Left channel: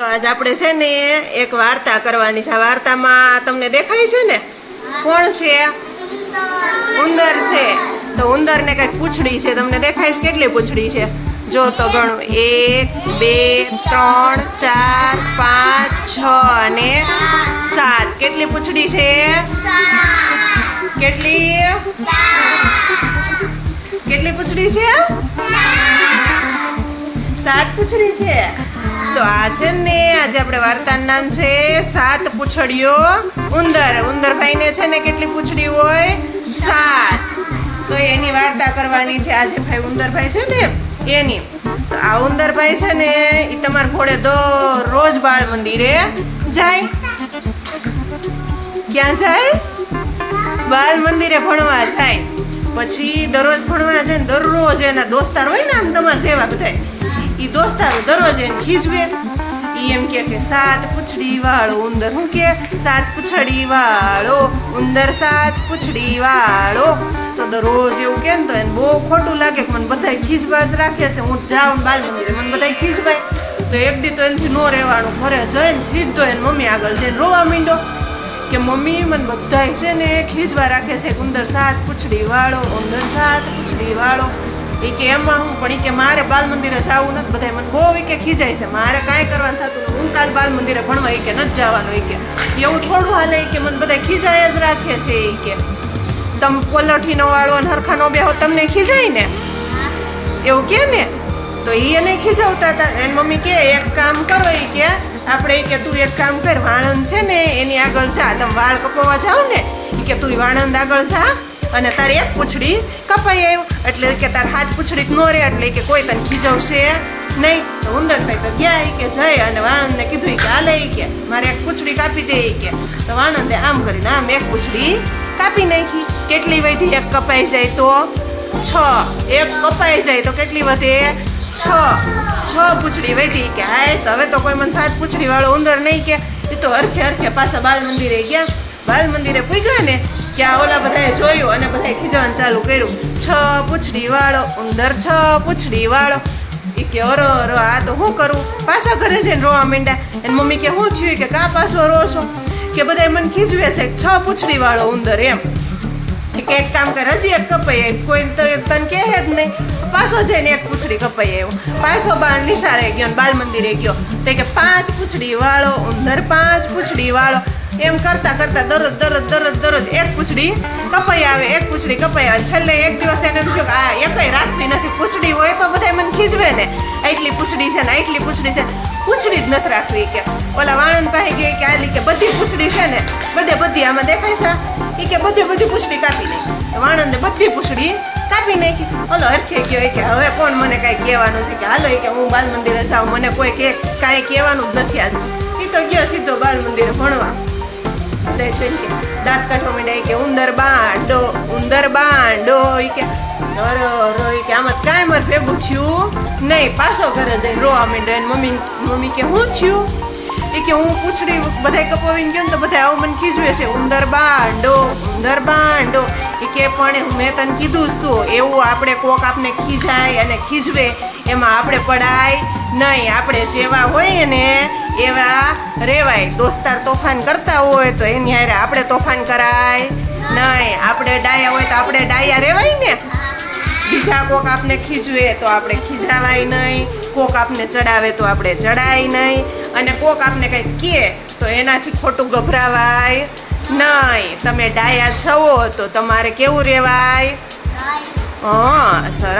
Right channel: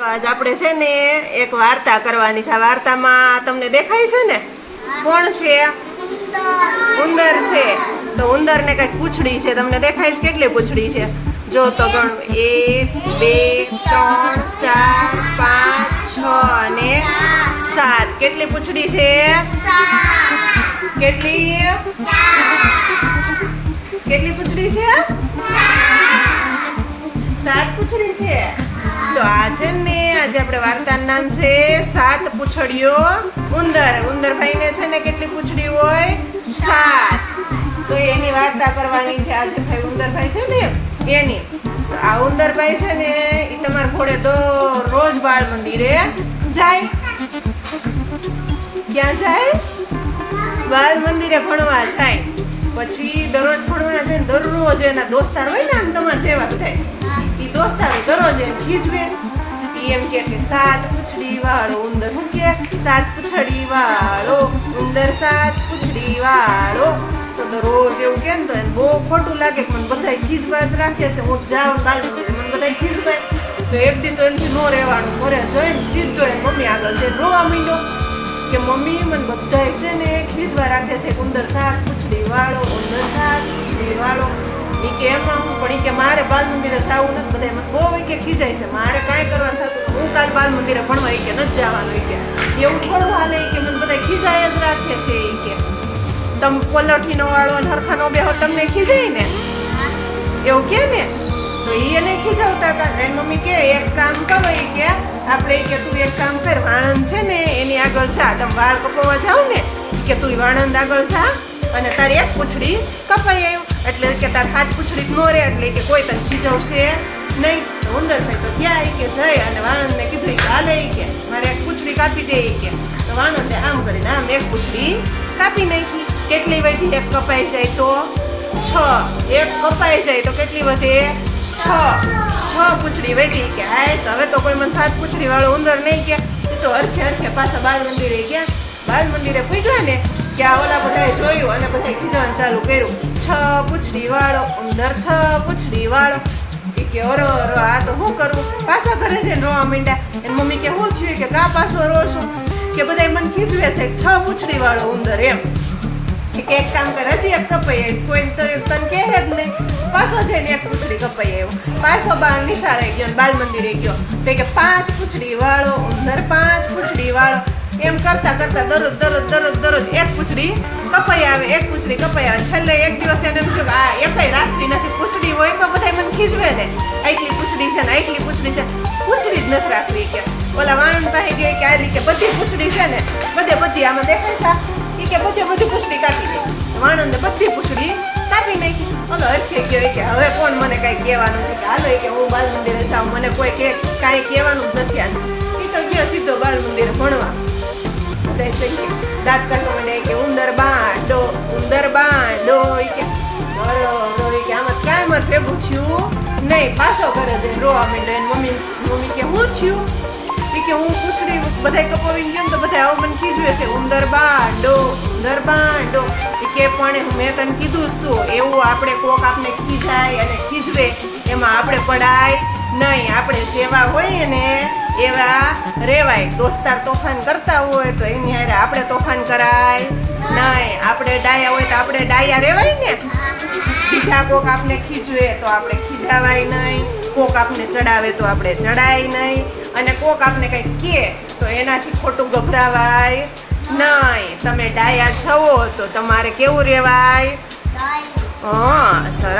તો આજ આપણે છે ને એક વાર્તા કરવાની છે. આ વાર્તામાં તમને દેખાય છે ને? કોણ છે? ઉંદર. છે. તો ઉંદરને કંઈક પૂછડી છે. તમને દેખાય છે કેટલી પૂછડી છે? જો તો ગણું. એક બે ત્રણ ચાર પાંચ છ અને સાત. કેટલી પૂંછડી છે? કેટલી? કેટલી પૂંછડી છે? સાત પૂંછડી છે. તો આ છે ને, આજે આપણે વાર્તાનું નામ છે સાત પૂછડીઓ. ઉંદર. ઉંદર ભાઈને છે ને કેટલી પૂંછડી હોય? સાત. તો એની વાર્તા કરવાની છે આજે ભાઈ ઉંદરભાઈ છે ને, એની. આ ઉંદરભાઈ છે ને એ તમારા ઘોડે દરરોજ બાળ મંદિરે જાય. ક્યાં જાય? બાળ મંદિરે ભણવા જાય. પછી દરરોજ ભણવા જાય દરરોજ એના દોસ્તાર હોય ને, આમ તમારા જેવા બધા ઈ દોસ્તારો દરરોજ એને ખીજવે. એ એમ કે કે, સાત પૂંછડી વાળો ઉંદર. હું કે, સાત પૂંછડી વાળો ઉંદર, સાત પૂંછડી વાળો તો દરરોજ એવું કે તો એને બહુ ખોટું લાગે કે મને બધાય ખીજવા જ રાખે છે. હું જાઉં બાલ મંદિરે, મને બધાય ખીજવાય. તો એક દી તો એનાથી નો રહેવાનું. ઘરે જઈને સીધો એને મમ્મી આગળ છે રોવા મીંડો કે, મમ્મી, મને બધાય છે ને ખીજવા રાખે છે. ઉંદર સાત પૂછડી વાળો ઉંદર સાત પૂંછડી વાળો એ કે એમાં હું પણ એ કે મારે બાલ મંદિરે જવું નથી બધા મને બહુ એ કે ખીજાય છે. મારે કાંઈ કરવાનું થતું હું કાલ બાલ મંદિરે ભણવા એ કે નથી જવાનું એ કે. એવું થોડું હાલે ઈ કે મને બધા ખીજાય જ રાખે છે એ કે. તમ પલઠીનો વાળો અને હરખાનો બેહો તમને ખીજાય ને? એવું કે ને? તો એ એને ખીજાવતા હતા. એની મમ્મી કે, એક કામ કરો એ કે, આપણે એ કે તું એક કામ કર. વાણંદ છે ને, એની આગળ જા. તમે વાળ કપાવવા જાવ ને કે તું વાણંદ આગળ જા. અને તારી એક પૂછડી કપાઈ આવ્યું એટલે કે તાર હાથ પૂછડી નો રહે, એટલે કે કોઈ તને ખીજવશે નહીં. તો ઉંદરભાઈ તો ગયા કે જય, અને વાણંદને કીધું કે હાલે કે. મારે એક પૂંછડી કાપી દે કે. તો વાણંદે આમ કરીને આમ એક પૂંછડી કાપી નાખી. કેટલી વધી એક કપાઈ જાય તો? છ. એક કપાઈ જાય તો કેટલી વધે? છ. છ પૂછડી વધી કે. હા તો હવે તો કોઈ મને સાત પૂછડી વાળો ઉંદર નહીં કે. એ તો હરખે હરખે પાછા બાલ મંદિરે ગયા. બાલ મંદિરે પૂગ્યા ને કે આ ઓલા બધાએ જોયું અને બધાએ ખીજવાનું ચાલુ કર્યું. છ પૂછડી વાળો, ઉંદર છ પૂછડી વાળો. એ કે, અરો અરો, આ તો શું કરું? પાછા ઘરે જઈને રોવા માંડ્યા. એની મમ્મી કે શું થયું? કે, કા પાછો રો છું? કે, બધાય મને ખીજવે છે છ પૂછડી વાળો, ઉંદર એમ. કે, એક કામ કર, હજી એક કપાઈ કોઈ તને કહે જ નહીં. પાછો જઈને એક પૂછડી કપાઈ આવ્યું પાછો બાર નિશાળે ગયો ને બાલ મંદિરે ગયો. તે કે, પાંચ પૂછડી વાળો, ઉંદર, પાંચ પૂછડી વાળો. એમ કરતા કરતા દરરોજ દરરોજ દરરોજ દરરોજ એક પૂછડી કપાઈ આવે, એક પૂછડી કપાઈ આવે. છેલ્લે એક દિવસ એને થયું કે આ એકય રાખતી નથી, પૂછડી હોય તો બધા મને ખીજવે ને. એટલી પૂછડી છે ને એટલી પૂછડી છે. પૂછડી જ નથી રાખવી કે. ઓલા વાણંદ પાસે ગઈ કે આલી કે બધી પૂછડી છે ને, બધે બધી આમાં દેખાય છે. એ કે બધે બધી પૂછડી કાપી તો વાણંદે બધી પૂછડી કાપી નાખી. ઓલો હરખે ગયો કે હવે કોણ મને કાંઈ કહેવાનું છે કે હાલો કે હું બાલ મંદિરે જાઉં. મને કોઈ કે, કાંઈ કહેવાનું જ નથી. એટલે છેલ્લે દાંત કાઢવા માંડ્યા કે ઉંદર બાંડો ઉંદર બાંડો કે, અરે અરે કે આમાં કાંઈ મારે ભેગું થયું નહીં. પાછો ઘરે જઈને રોવા માંડ્યો મમ્મી મમ્મી કે શું થયું એ કે, હું પૂછડી બધાય કપાવીને ગયો ને તો બધા આવું મને ખીજવે છે. ઉંદર બાંડો ઉંદર બાંડો. એ કે, પણ મેં તને કીધું જ તું, એવું આપણે કોક આપણે ખીજાય અને ખીજવે. એમાં આપણે પડાય નહીં. આપણે જેવા હોઈએ ને એવા રેવાય દોસ્તાર તોફાન કરતા હોય તો એની હારે આપણે તોફાન કરાય. નહીં આપણે ડાયા હોય તો આપણે ડાયા રેવાય ને. બીજા કોક આપણે ખીજવે તો આપણે ખીજાવાય નહીં. કોક આપણે ચડાવે તો આપણે ચડાય નહીં. અને કોક આપણે કંઈક કહે તો એનાથી ખોટું ગભરાવાય. નહીં તમે ડાયા છો તો તમારે કેવું રહેવાય હા સરસ.